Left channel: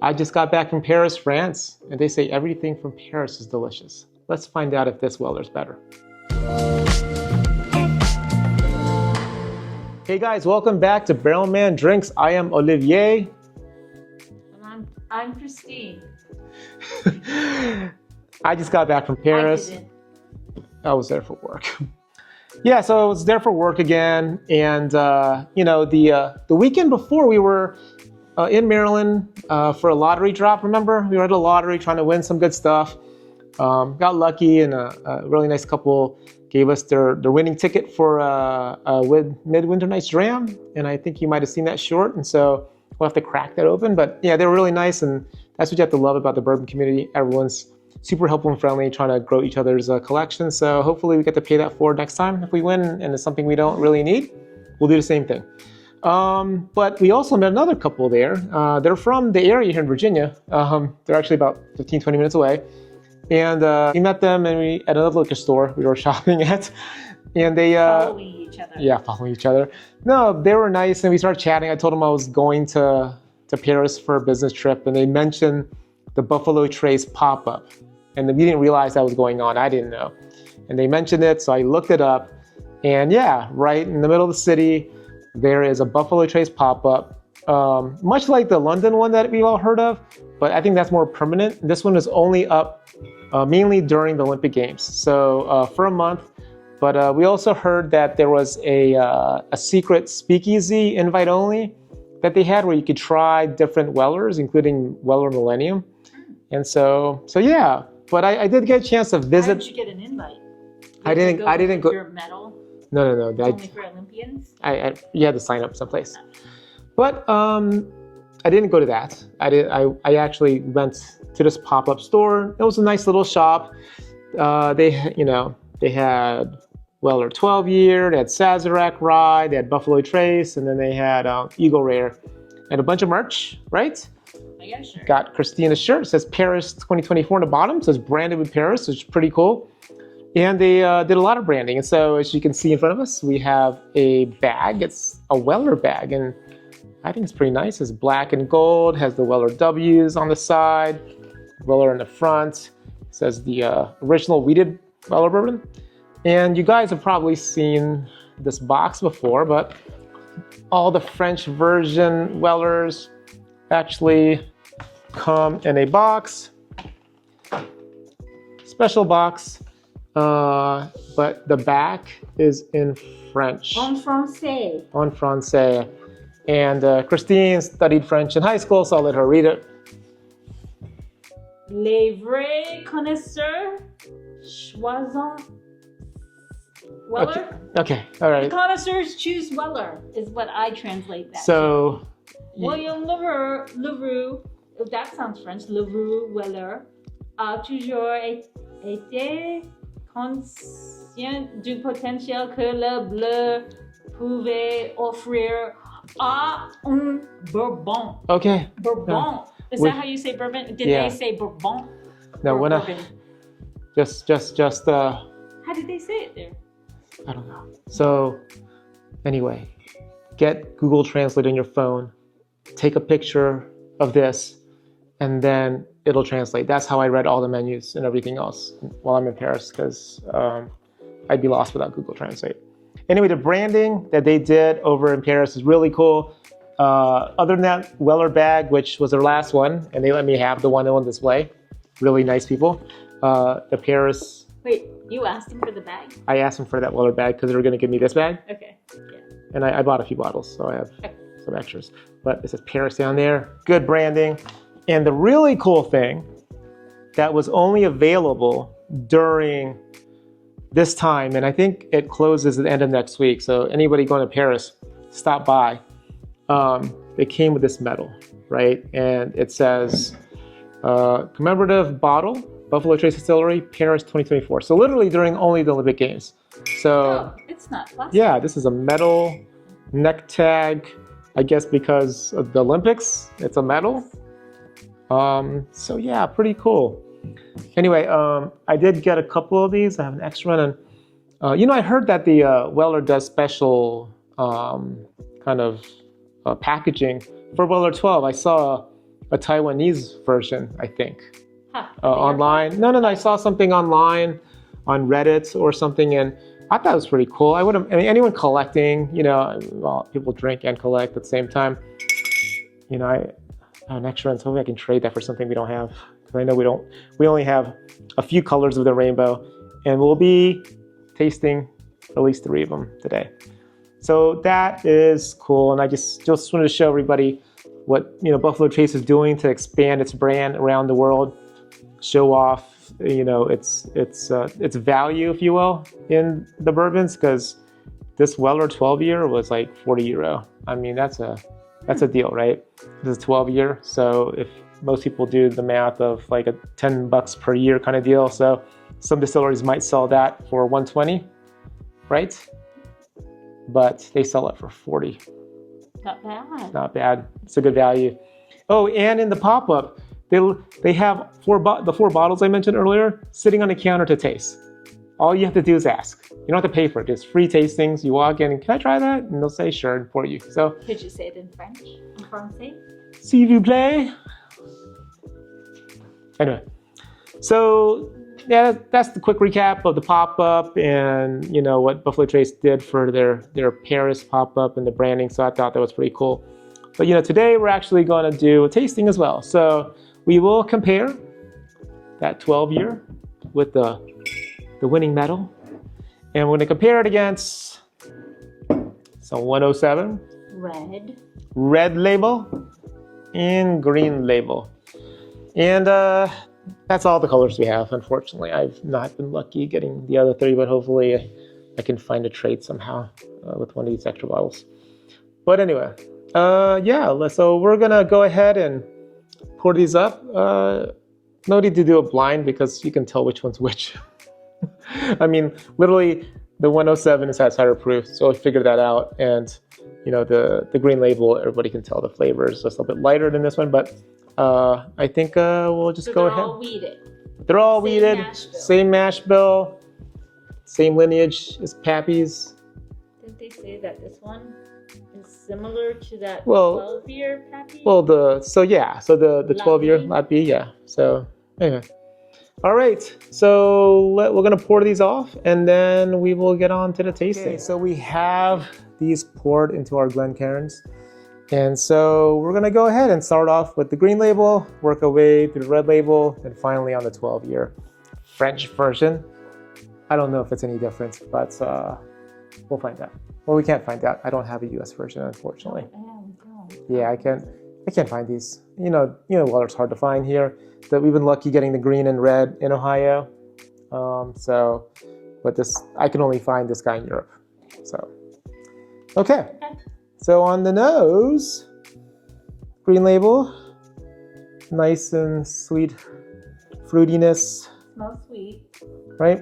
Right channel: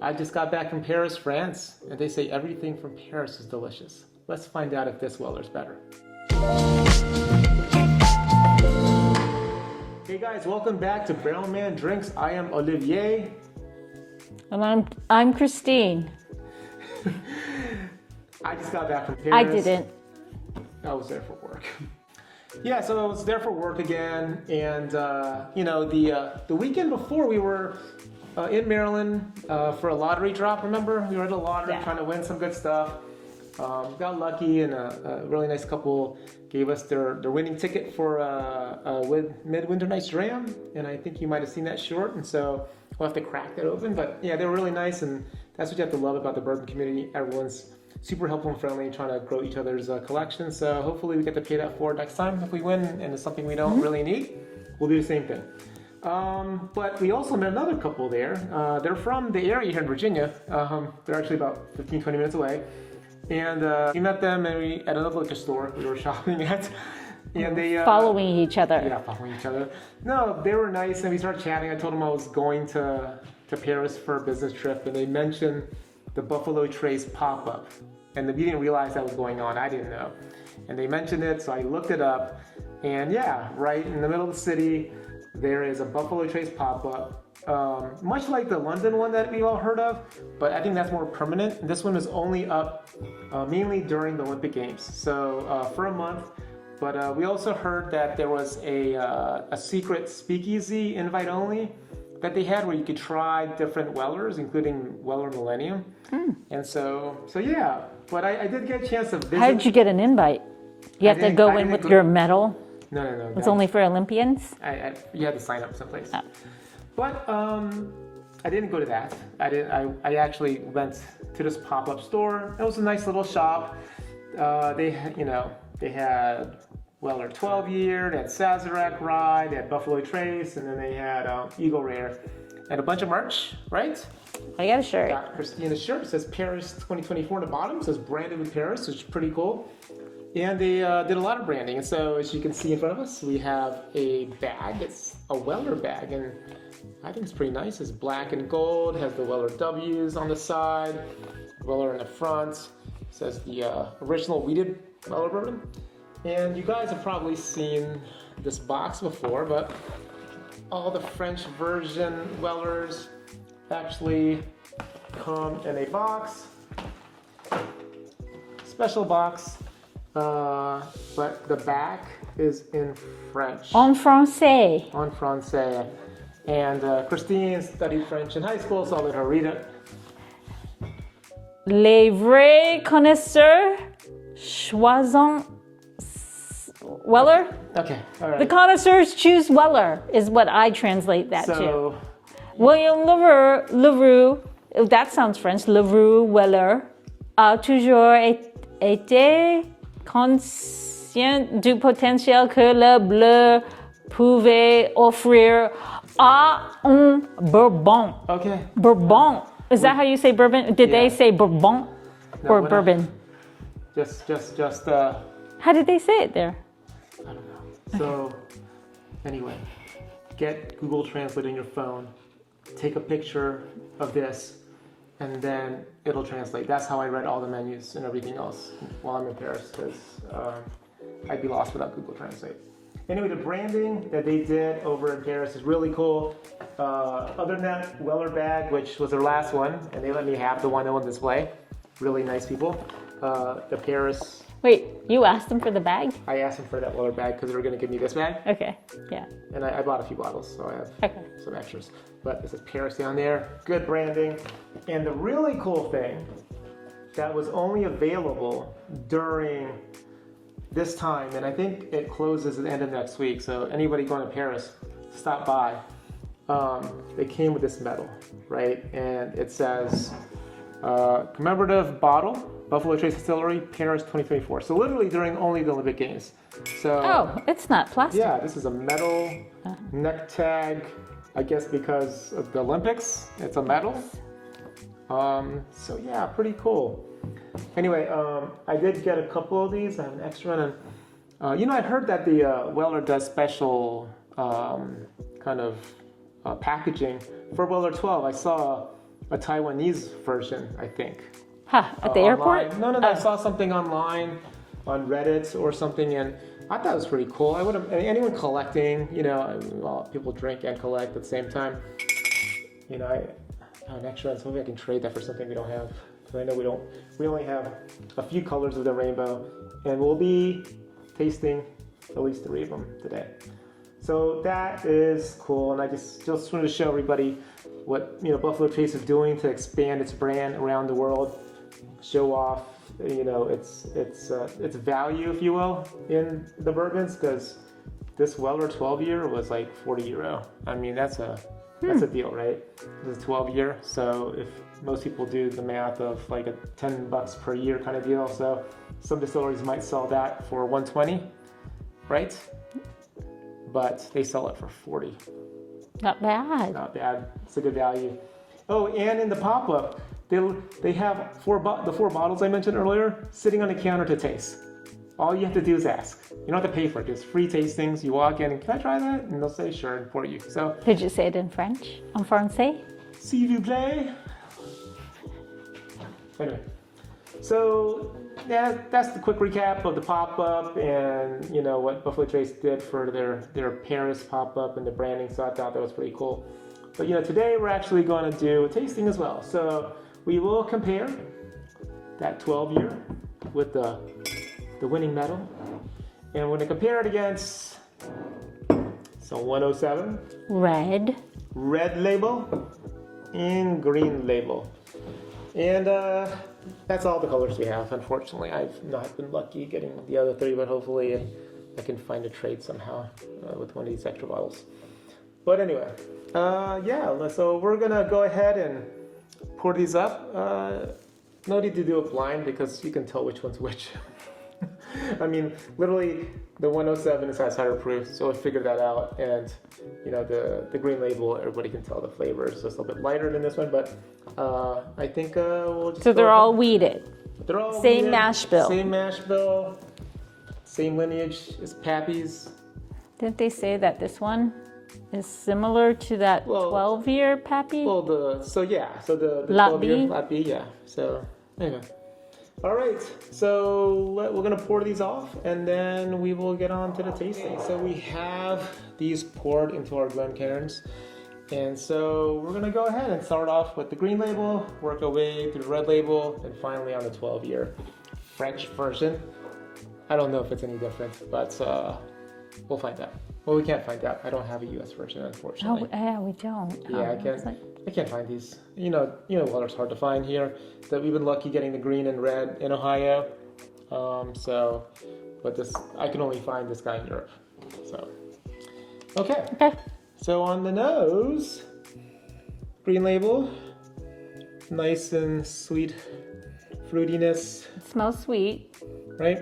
I just got back from Paris, France, and they say everything from Paris is delicious. Let's find out if this Weller's better. Hey guys, welcome back to Barrelman Drinks. I am Olivier. And I'm Christine. I just got back from Paris. I didn't. I was there for work. Yeah, so I was there for work again, and the weekend before we were in Maryland for a lottery drop. Remember, we were at a lottery trying to win some good stuff. Got lucky, and a really nice couple gave us their winning ticket for a Midwinter Night's Dram, and I think you might have seen that short, and so we'll have to crack that open. But yeah, they were really nice, and that's what you have to love about the bourbon community. Everyone's super helpful and friendly, trying to grow each other's collection. So hopefully we get to pay that forward next time. If we win and it's something we don't really need, we'll do the same thing. But we also met another couple there. They're from the area here in Virginia. They're actually about 15, 20 minutes away. And we met them at another liquor store we were shopping at. And they following each other. Yeah, following each other. No, they were nice, and we started chatting. I told them I was going to Paris for a business trip, and they mentioned the Buffalo Trace pop-up. And we didn't realize that was going on. I didn't know. And they mentioned it, so I looked it up. And yeah, right in the middle of the city, there is a Buffalo Trace pop-up. Much like the London one that we've all heard of, but I think that's more permanent. This one is only up mainly during the Olympic Games, so for a month. But we also heard that there was a secret speakeasy invite only that they had where you could try different Wellers, including Weller Millennium. And so yeah, but I did get a chance to visit. How did you get an invite? You had to go in with your medal? No. It's only for Olympians? You had to sign up someplace. Oh. But I didn't go to that. I actually went to this pop-up store. It was a nice little shop. They had Weller 12 year, they had Sazerac Rye, they had Buffalo Trace, and then they had Eagle Rare, and a bunch of merch, right? I got a shirt. Got Christina's shirt. It says Paris 2024 on the bottom. It says branded with Paris, which is pretty cool. And they did a lot of branding. And so as you can see in front of us, we have a bag. It's a Weller bag, and I think it's pretty nice. It's black and gold, has the Weller W's on the side, Weller in the front. It says the original wheated Weller bourbon. And you guys have probably seen this box before, but all the French version Wellers actually come in a box, special box, but the back is in French. En français. En français. And Christine studied French in high school, so I'll let her read it. Les vrais connaisseurs choisissent Weller? Okay, all right. The connoisseurs choose Weller, is what I translate that to. William Leroux, that sounds French, Leroux Weller, a toujours été conscient du potentiel que le bleu pouvait offrir à un Bourbon. Okay. Bourbon. Yeah. Is that how you say bourbon? Did they say Bourbon or bourbon? Just. How did they say it there? I don't know. So, anyway, get Google Translate on your phone, take a picture of this, and then it'll translate. That's how I read all the menus and everything else while I'm in Paris, because I'd be lost without Google Translate. Anyway, the branding that they did over in Paris is really cool. Other than that Weller bag, which was their last one, and they let me have the one on display. Really nice people. The Paris. Wait, you asked them for the bag? I asked them for that Weller bag because they were going to give me this bag. Okay, yeah. And I bought a few bottles, so I have some extras. But it says Paris down there. Good branding. And the really cool thing that was only available during this time, and I think it closes at the end of next week, so anybody going to Paris, stop by. It came with this medal, right? And it says commemorative bottle, Buffalo Trace Distillery, Paris 2024. So literally during only the Olympic Games. So it's not plastic. Yeah, this is a metal neck tag, I guess because of the Olympics, it's a metal. So yeah, pretty cool. Anyway, I did get a couple of these. I have an extra one. And, I heard that the Weller does special kind of packaging for Weller 12. I saw a Taiwanese version, I think. Huh, at the Online. airport? No. I saw something online on Reddit or something, and I thought it was pretty cool. I mean, anyone collecting, well, people drink and collect at the same time. Next round, hopefully I can trade that for something we don't have. Because I know we only have a few colors of the rainbow, and we'll be tasting at least 3 of them today. So that is cool, and I just wanted to show everybody what Buffalo Trace is doing to expand its brand around the world, show off its value, if you will, in the bourbons, because this Weller 12-year was like €40. I mean, that's a deal, right? This is 12-year, so if most people do the math of like a $10 per year kind of deal, so some distilleries might sell that for $120, right? But they sell it for $40. Not bad. Not bad. It's a good value. Oh, and in the pop-up, they have the 4 bottles I mentioned earlier sitting on the counter to taste. All you have to do is ask. You don't have to pay for it. It's free tastings. You walk in, can I try that? And they'll say sure for you. So could you say it in French? En français? S'il vous plaît. Anyway, so yeah, that's the quick recap of the pop-up and what Buffalo Trace did for their Paris pop-up and the branding. So I thought that was pretty cool. But today we're actually going to do a tasting as well. So we will compare that 12-year with the winning medal, and we're going to compare it against some 107 red label and green label. And that's all the colors we have. Unfortunately, I've not been lucky getting the other 3, but hopefully I can find a trade somehow with one of these extra bottles. But anyway, so we're gonna go ahead and pour these up. No need to do it blind because you can tell which one's which. I mean, literally, the 107 has higher proof, so I figured that out. And the green label, everybody can tell the flavor is just a little bit lighter than this one, but I think we'll just. So they're all weeded. They're all weeded. Same mash bill. Same mash bill. Same lineage as Pappy's. Didn't they say that this one is similar to that 12-year Pappy? Well, the 12-year Lappy, yeah. So anyway. All right, so we're gonna pour these off and then we will get on to the tasting. Okay, so we have these poured into our Glencairns. And so we're gonna go ahead and start off with the green label, work our way through the red label, and finally on the 12-year French version. I don't know if it's any different, but we'll find out. Well, we can't find out. I don't have a US version, unfortunately. Oh, yeah, we don't. Yeah, I can't find these. Weller's hard to find here. That we've been lucky getting the green and red in Ohio. But I can only find this guy in Europe. So, okay. So on the nose, green label, nice and sweet fruitiness. It smells sweet. Right?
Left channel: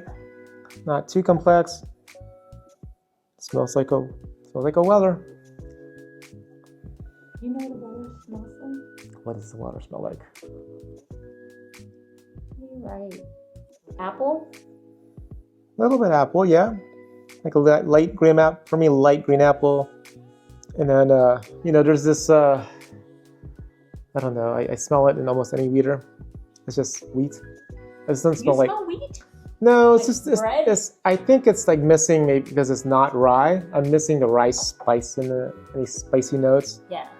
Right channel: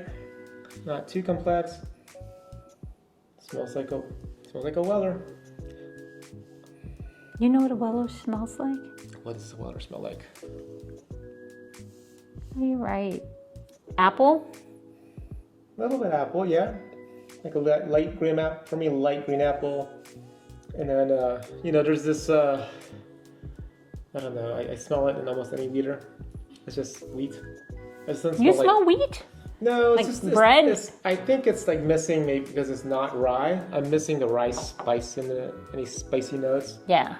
Not too complex. Smells like a Weller. You know what a Weller smells like? What does a Weller smell like? You're right. Apple? A little bit apple, yeah. Like a light green apple. For me, light green apple. And then, there's this, I don't know, I smell it in almost any weeder. It's just wheat. It doesn't smell You smell wheat? No, it's like just bread. I think it's like missing, maybe because it's not rye. I'm missing the rye spice in any spicy notes. Yeah.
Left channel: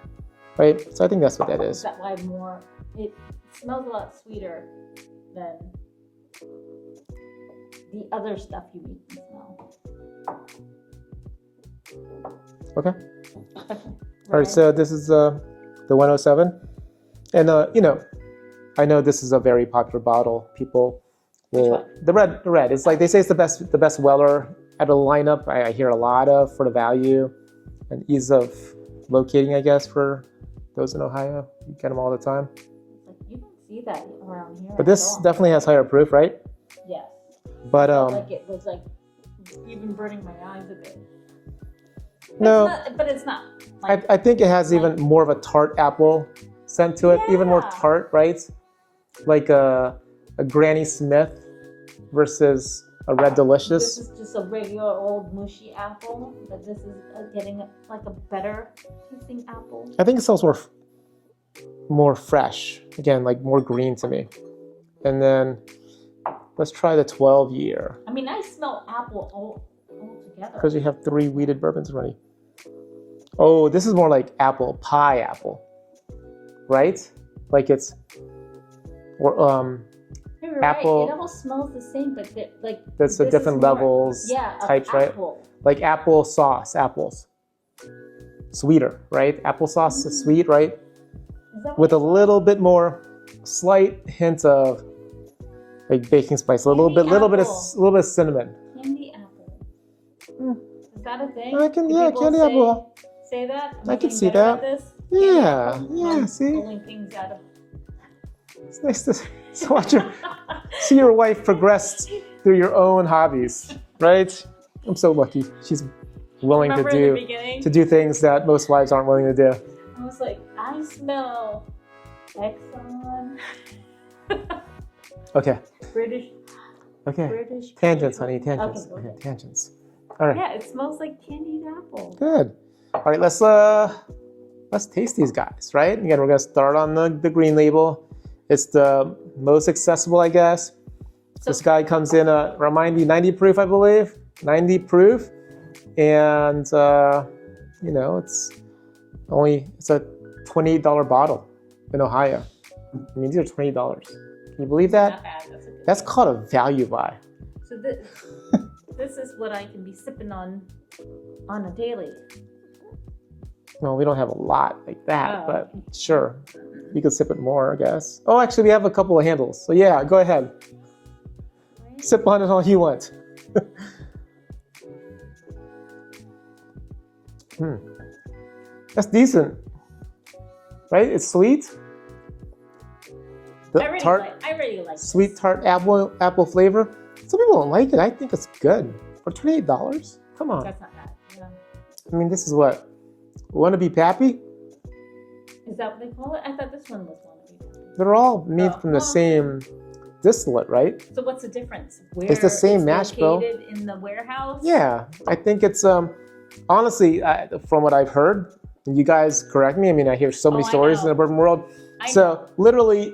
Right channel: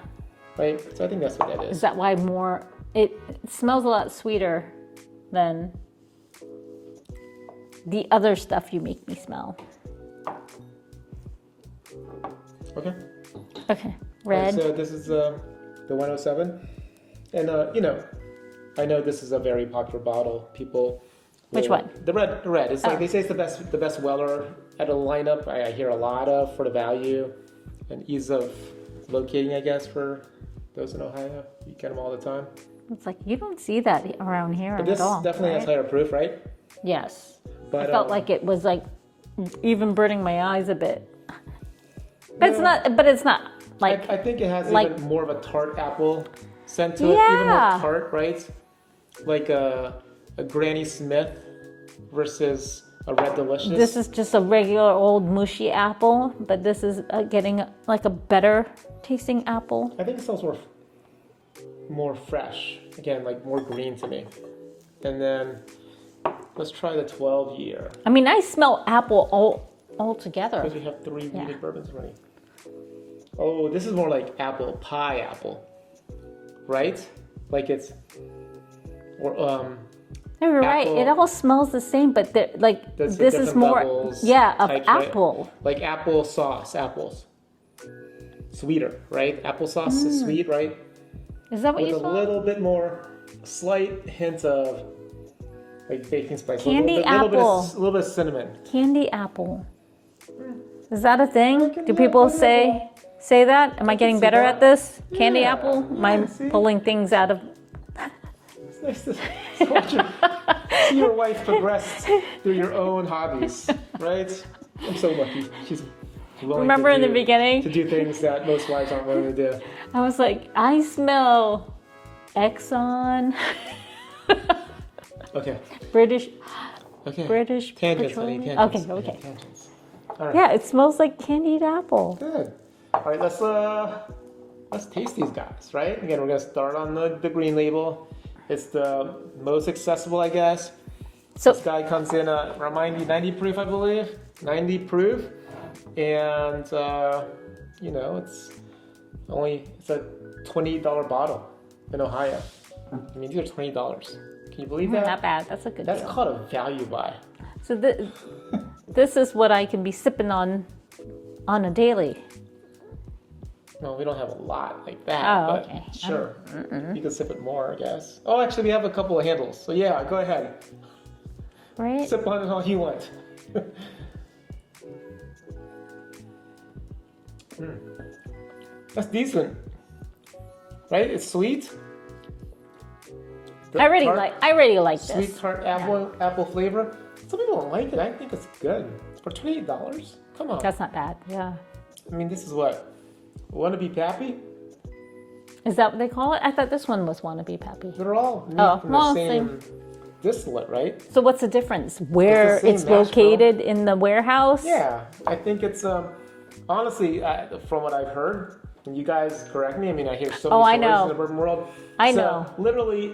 Right. So I think that's what that is. Is that why it smells a lot sweeter than the other stuff you make me smell? Okay. Okay. Red. All right. So this is the 107, and I know this is a very popular bottle. People. Which one? The red. It's like they say it's the best Weller out of the lineup. I hear a lot of for the value and ease of locating, I guess, for those in Ohio. You get them all the time. It's like you don't see that around here. But this at all, definitely has higher proof, right? Yes. But I felt like it was like even burning my eyes a bit. But it's not like. I think it has even more of a tart apple scent to it, even more tart, right? Like a Granny Smith versus a Red Delicious. This is just a regular old mushy apple, but this is getting like a better tasting apple. I think it smells more more fresh. Again, like more green to me. And then let's try the 12 year. I mean, I smell apple all together. Because we have 3 weeded bourbons already. Oh, this is more like apple, pie apple, right? Like it's, or No, you're apple. right. It all smells the same, but like That's this different is more, levels, yeah, of types, right? apple. Like apple sauce, apples. Sweeter, right? Applesauce is sweet, right? Is that what With you a thought? little bit more, slight hint of like baking spice, a little Candy bit of cinnamon. Candy apple. Is that a thing? I can- Do yeah, people candy say apple. that? Am I can getting see better that. at this? Candy Yeah, apple? Am yeah, I see? pulling things out of? It's nice to see your wife progressed through your own hobbies, right? I'm so lucky. She's willing Remember in the to beginning? do things that most wives aren't willing to do. I was like, I smell Exxon, Okay. British Tangents, Petroleum. honey. Tangents. Okay, okay. Yeah, tangents. All right. Yeah, it smells like candied apple. Good. All right, let's taste these guys, right? Again, we're gonna start on the green label. It's the most accessible, I guess. So This guy comes in remind you 90 proof, I believe. 90 proof, and you know it's a $28 bottle in Ohio. I mean, these are $20. Can you believe that? not bad. That's a good. That's deal. called a value buy. So this is what I can be sipping on a daily. No, we don't have a lot like that, Oh, but okay. sure. You can sip it more, I guess. Oh, actually, we have a couple of handles. So yeah, go ahead. Right? Sip on it all you want. That's decent. Right? It's sweet. The I already tart- like this. Sweet tart apple flavor. Some people don't like it. I think it's good. For $28? Come on. That's not bad. Yeah. I mean, this is what? Wannabe Pappy? Is that what they call it? I thought this one was wannabe Pappy. They're all made from the well, same distillate, right? So what's the difference? Where It's the same it's mash bill. located in the warehouse? Yeah, I think it's honestly from what I've heard. You guys correct me. I mean, I hear so many I stories know. in the bourbon world. I so know. literally,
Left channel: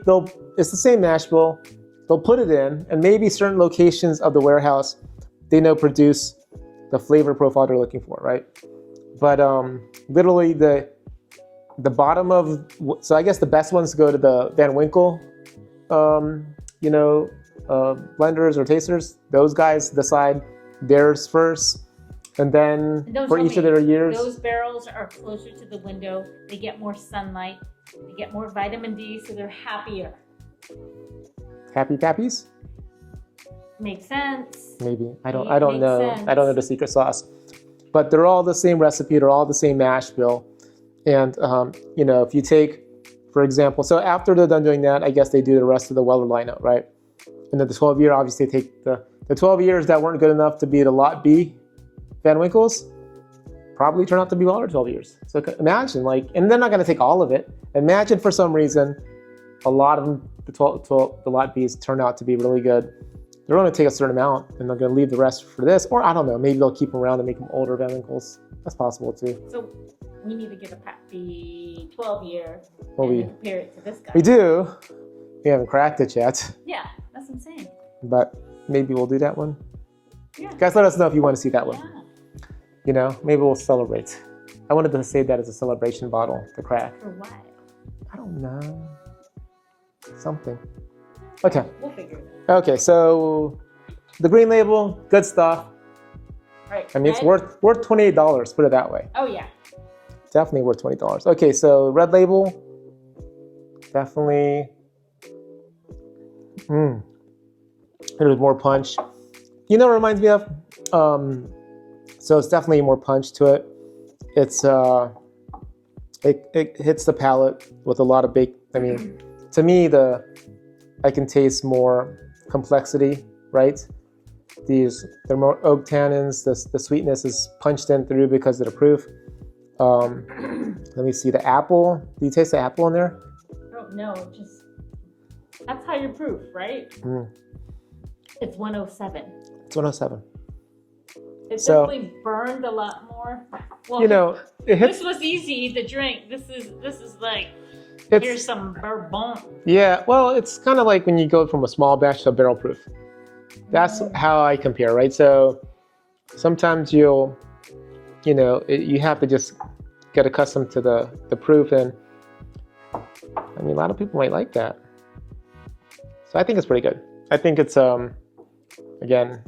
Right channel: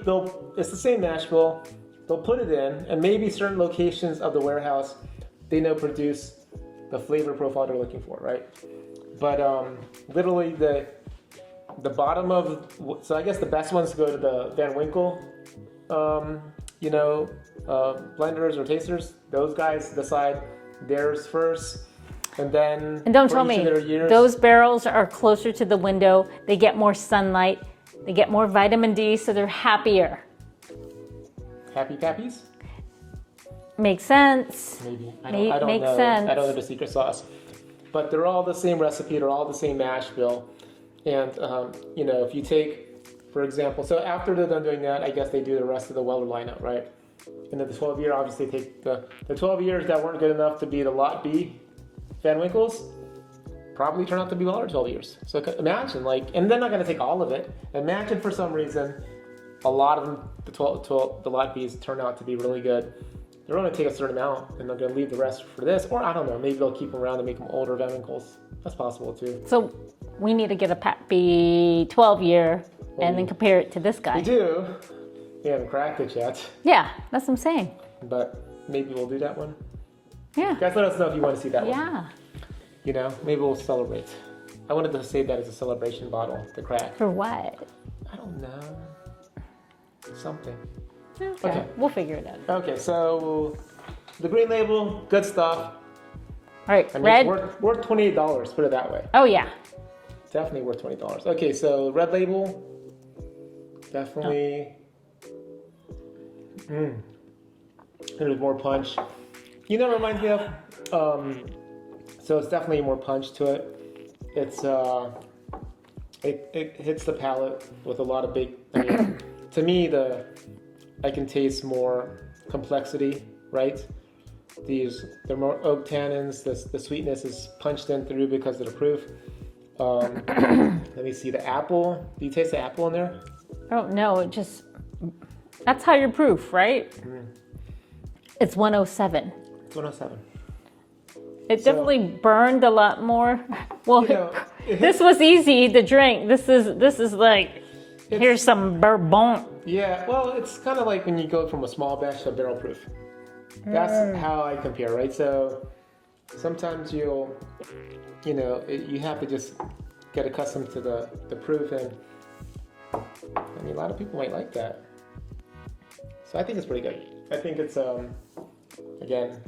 it's the same mash bill. They'll put it in, and maybe certain locations of the warehouse, they know produce the flavor profile they're looking for, right? But literally the bottom of, so I guess the best ones go to the Van Winkle, blenders or tasters. Those guys decide theirs first, and then And don't for tell each me, of their years. those barrels are closer to the window. They get more sunlight. They get more vitamin D, so they're happier. Happy Pappies? Makes sense. Maybe. I Makes don't know. sense. I don't know the secret sauce. But they're all the same recipe, they're all the same mash bill. And if you take, for example, so after they're done doing that, I guess they do the rest of the Weller lineup, right? And then the 12 year, obviously take the 12 years that weren't good enough to be the Lot B Van Winkles, probably turn out to be Weller 12 years. So imagine, and they're not gonna take all of it. Imagine for some reason, a lot of them, the Lot Bs turn out to be really good. They're going to take a certain amount and they're going to leave the rest for this, or I don't know, maybe they'll keep them around and make them older Van Winkles. That's possible too. So we need to get a Pappy 12 year and then compare it to this guy. We do. We haven't cracked it yet, Yeah, that's what I'm saying. but maybe we'll do that one. Yeah. Guys, let us know if you want to see that one. Yeah. Maybe we'll celebrate. I wanted to save that as a celebration bottle to crack. For what? I don't know. Something. Okay. We'll figure it out. Okay, so the green label, good stuff. All right. I mean, red. it's worth $28, put it that way. Oh, yeah. Definitely worth $20. Okay, so red label, definitely. There's more punch. It reminds me of. So it's definitely more punch to it. It's it hits the palate with a lot of bake. I mean, to me, I can taste more complexity, right? They're more oak tannins. The sweetness is punched in through because of the proof. Let me see the apple. Do you taste the apple in there? I don't know. That's higher proof, right? It's 107. It's 107. It definitely burned a lot more. Well, it hits, this was easy to drink. This is like Here's some Bourbon. Yeah, well, it's kind of like when you go from a small batch to a barrel proof. That's how I compare, right? So sometimes you have to just get accustomed to the proof, and I mean, a lot of people might like that. So I think it's pretty good. I think it's, again,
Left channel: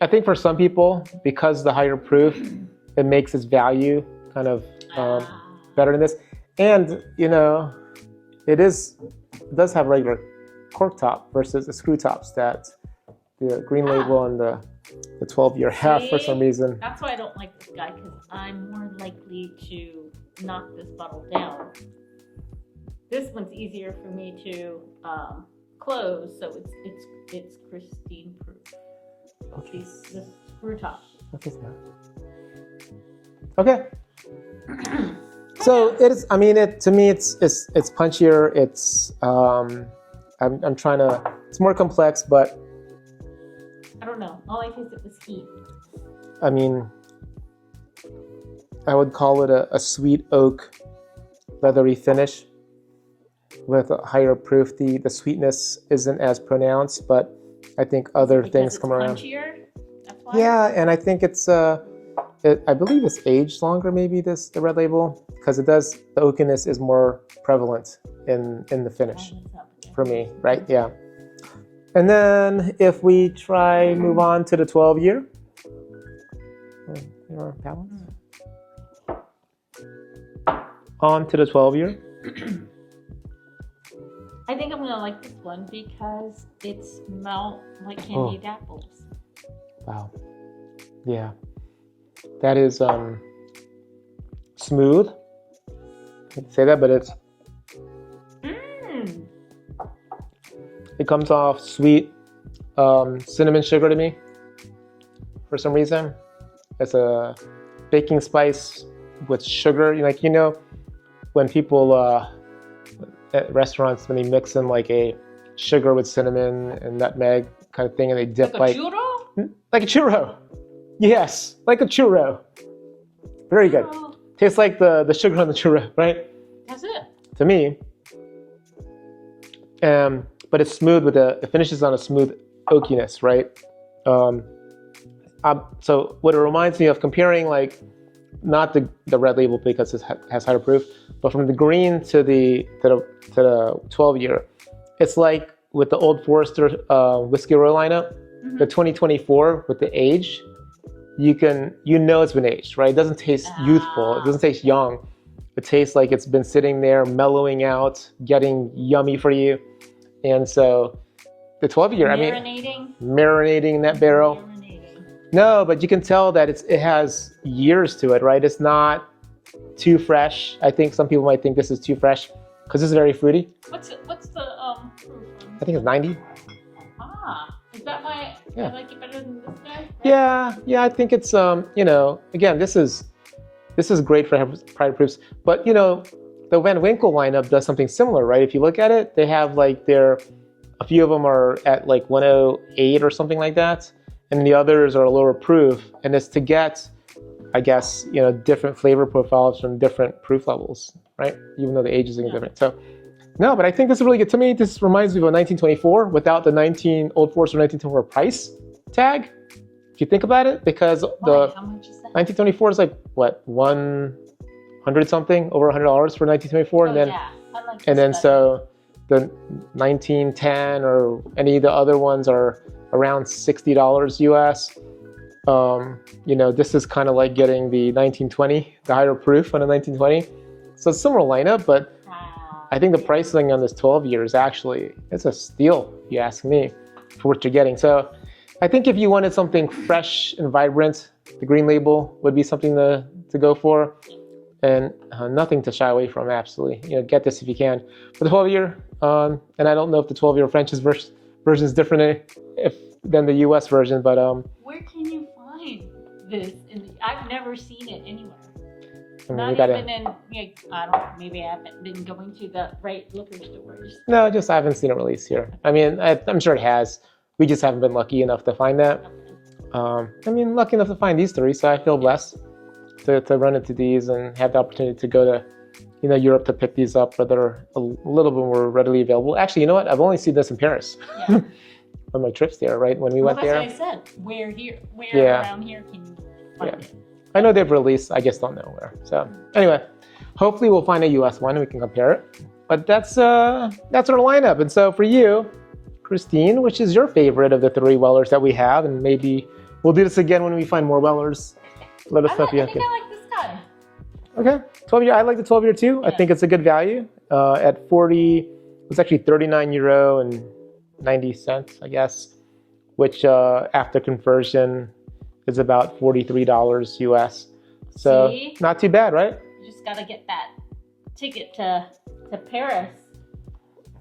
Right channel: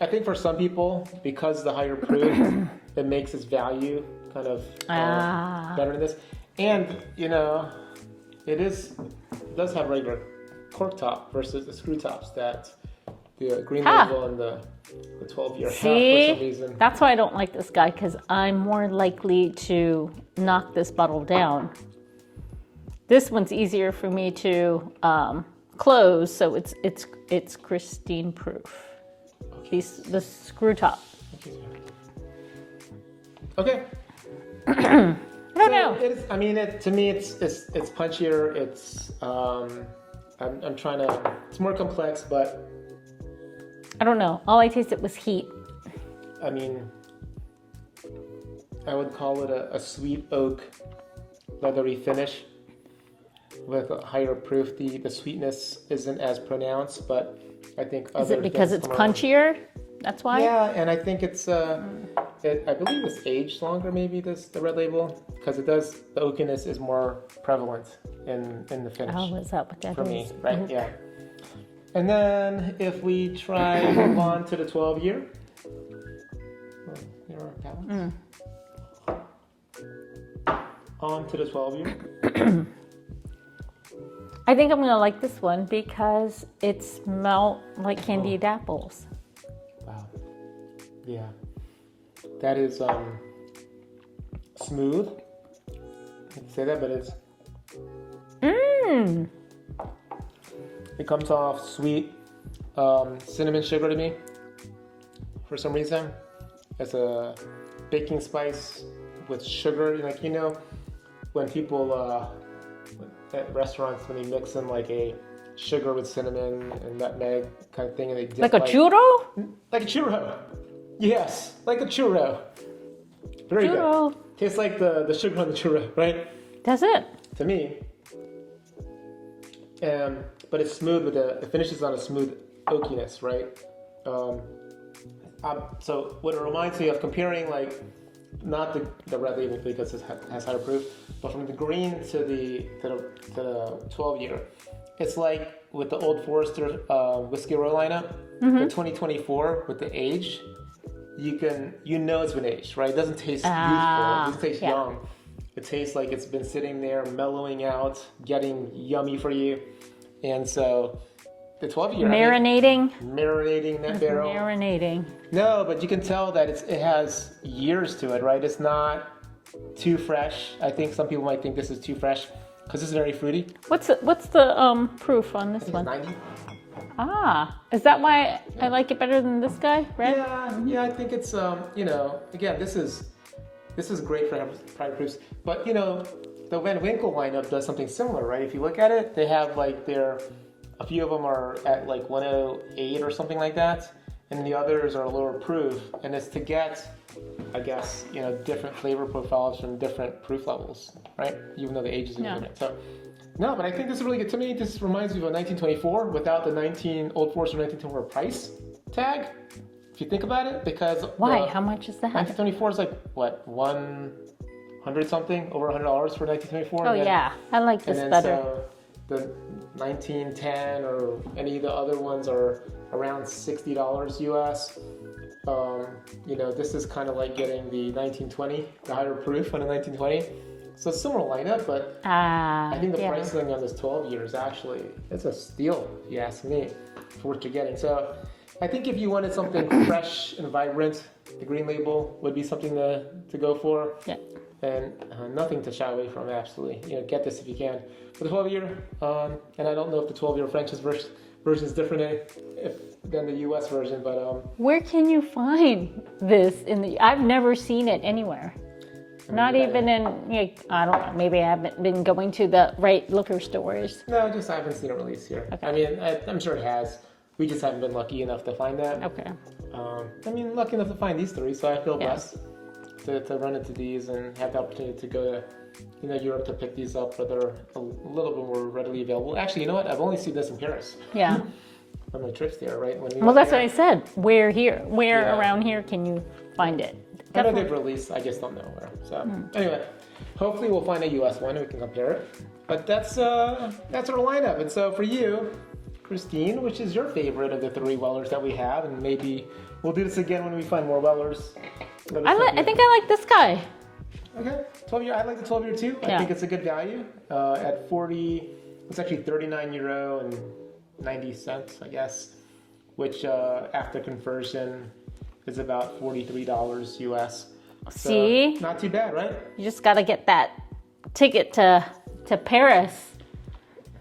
I think for some people, because the higher proof, it makes its value kind of better than this. And, it does have regular cork top versus the screw tops that the Green Label and the 12-year have for some reason. That's why I don't like this guy, because I'm more likely to knock this bottle down. This one's easier for me to close, so it's Christine proof. The screw top. Okay. So it is. I mean, to me, it's punchier. It's I'm trying to. It's more complex, but I don't know. All I tasted was heat. I mean, I would call it a sweet oak, leathery finish with a higher proof. The sweetness isn't as pronounced, but I think other things come around. Because it's punchier. That's why. Yeah, and I think it's. I believe it's aged longer, maybe the Red Label, because the oakiness is more prevalent in the finish. Oh, what's up with that? For me, right? Yeah. And then if we move on to the 12-year. On to the 12-year. I think I'm gonna like this one because it smells like candied apples. Wow. Yeah. That is smooth. I can say that, but it's. It comes off sweet, cinnamon sugar to me. For some reason, it's a baking spice with sugar. When people at restaurants, when they mix in like a sugar with cinnamon and nutmeg kind of thing, and they dip like a churro. Like a churro. Yes, like a churro. Very good. Tastes like the sugar on the churro, right? That's it. To me. But it's smooth it finishes on a smooth oakiness, right? So what it reminds me of, comparing like, not the Red Label because it has higher proof, but from the green to the 12-year, it's like with the Old Forester Whiskey Row lineup, the 2024 with the age. It's been aged, right? It doesn't taste youthful. It doesn't taste young. It tastes like it's been sitting there, mellowing out, getting yummy for you. And so the 12-year, marinating in that barrel. No, but you can tell that it has years to it, right? It's not too fresh. I think some people might think this is too fresh because it's very fruity. What's the proof on this? I think it's 90. Is that why I like it better than this guy? Right? Yeah. I think it's again, this is great for higher proofs, but the Van Winkle lineup does something similar, right? If you look at it, they have like a few of them are at like 108 or something like that, and the others are lower proof, and it's to get, I guess, different flavor profiles from different proof levels, right? Even though the age is different. So, no, but I think this is really good. To me, this reminds me of a 1924 without the Old Forester 1924 price tag. If you think about it, because why? How much is that? 1924 is like what, 100 something, over $100 for 1924. Oh, yeah, I like this. And then better. so the 1910 or any of the other ones are around $60 US. This is kind of like getting the 1920, the higher proof on a 1920. So it's a similar lineup, but I think the pricing on this 12-year is actually, it's a steal, if you ask me, for what you're getting. So I think if you wanted something fresh and vibrant, the Green Label would be something to go for. Yeah. And nothing to shy away from, absolutely. Get this if you can. For the 12-year, and I don't know if the 12-year French version is different than the US version, but... Where can you find this? I've never seen it anywhere. Not even in, I don't know, maybe I haven't been going to the right liquor stores. No, I haven't seen it released here. Okay. I mean, I'm sure it has. We just haven't been lucky enough to find that. Okay. Lucky enough to find these three, so I feel blessed to run into these and have the opportunity to go to Europe to pick these up, where they're a little bit more readily available. Actually, you know what? I've only seen this in Paris. Yeah. On my trips there, right? When we Well, went that's there. what I said. Where here? Where Yeah. around here can you find it? I know they've released, I just don't know where. So anyway, hopefully we'll find a US one and we can compare it. But that's our lineup. And so for you, Christine, which is your favorite of the 3 Wellers that we have? And maybe we'll do this again when we find more Wellers. Let us know if you I think I like this guy. Okay, 12 year. I like the 12 year too. I Yeah. think it's a good value. At 40, it's actually 39 euro and 90 cents, I guess, which after conversion is about $43 US. So See? not too bad, right? You just got to get that ticket to Paris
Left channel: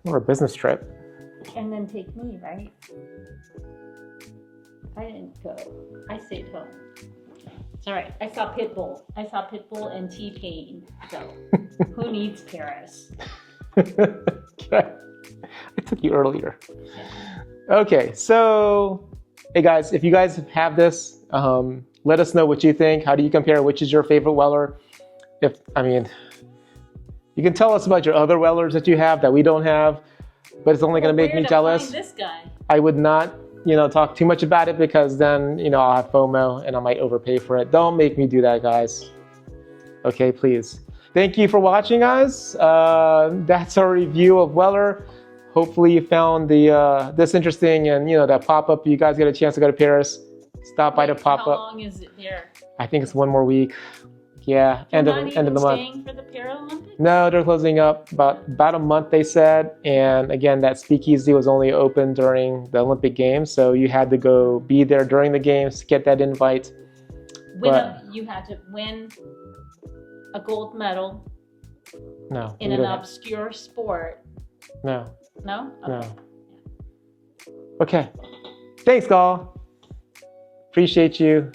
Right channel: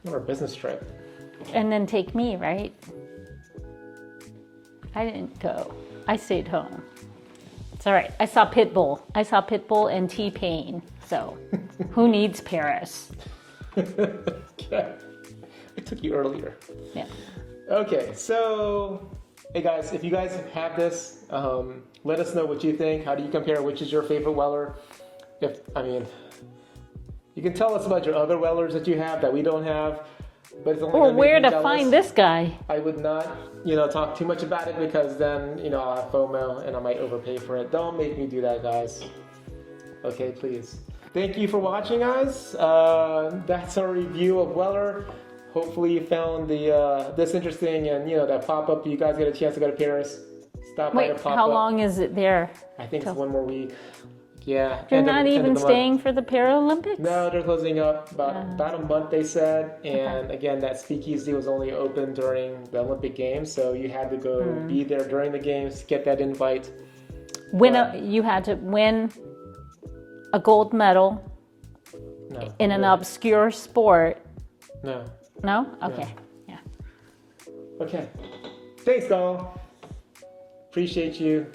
Or a business trip. and then take me, right? I didn't go. I stayed home. It's all right. I saw Pitbull. And T-Pain. So who needs Paris? I took you earlier. Yeah. Okay, so hey guys, if you guys have this, let us know what you think. How do you compare? Which is your favorite Weller? You can tell us about your other Wellers that you have that we don't have, but it's only Well, going to make where me to jealous. find this guy? I would not, talk too much about it because then, I'll have FOMO and I might overpay for it. Don't make me do that, guys. Okay, please. Thank you for watching, guys. That's our review of Weller. Hopefully you found this interesting, and that pop-up. You guys get a chance to go to Paris. Stop by the Wait, pop-up. how long is it there? I think it's one more week. Yeah. You're end of- not end of even the month. staying for the Paralympics? No, they're closing up about a month, they said. And again, that speakeasy was only open during the Olympic Games, so you had to go be there during the games to get that invite. You had to win a gold medal No. in you an don't. obscure sport. No. No? Okay. Yeah. Okay. Thanks, Gal. Appreciate you.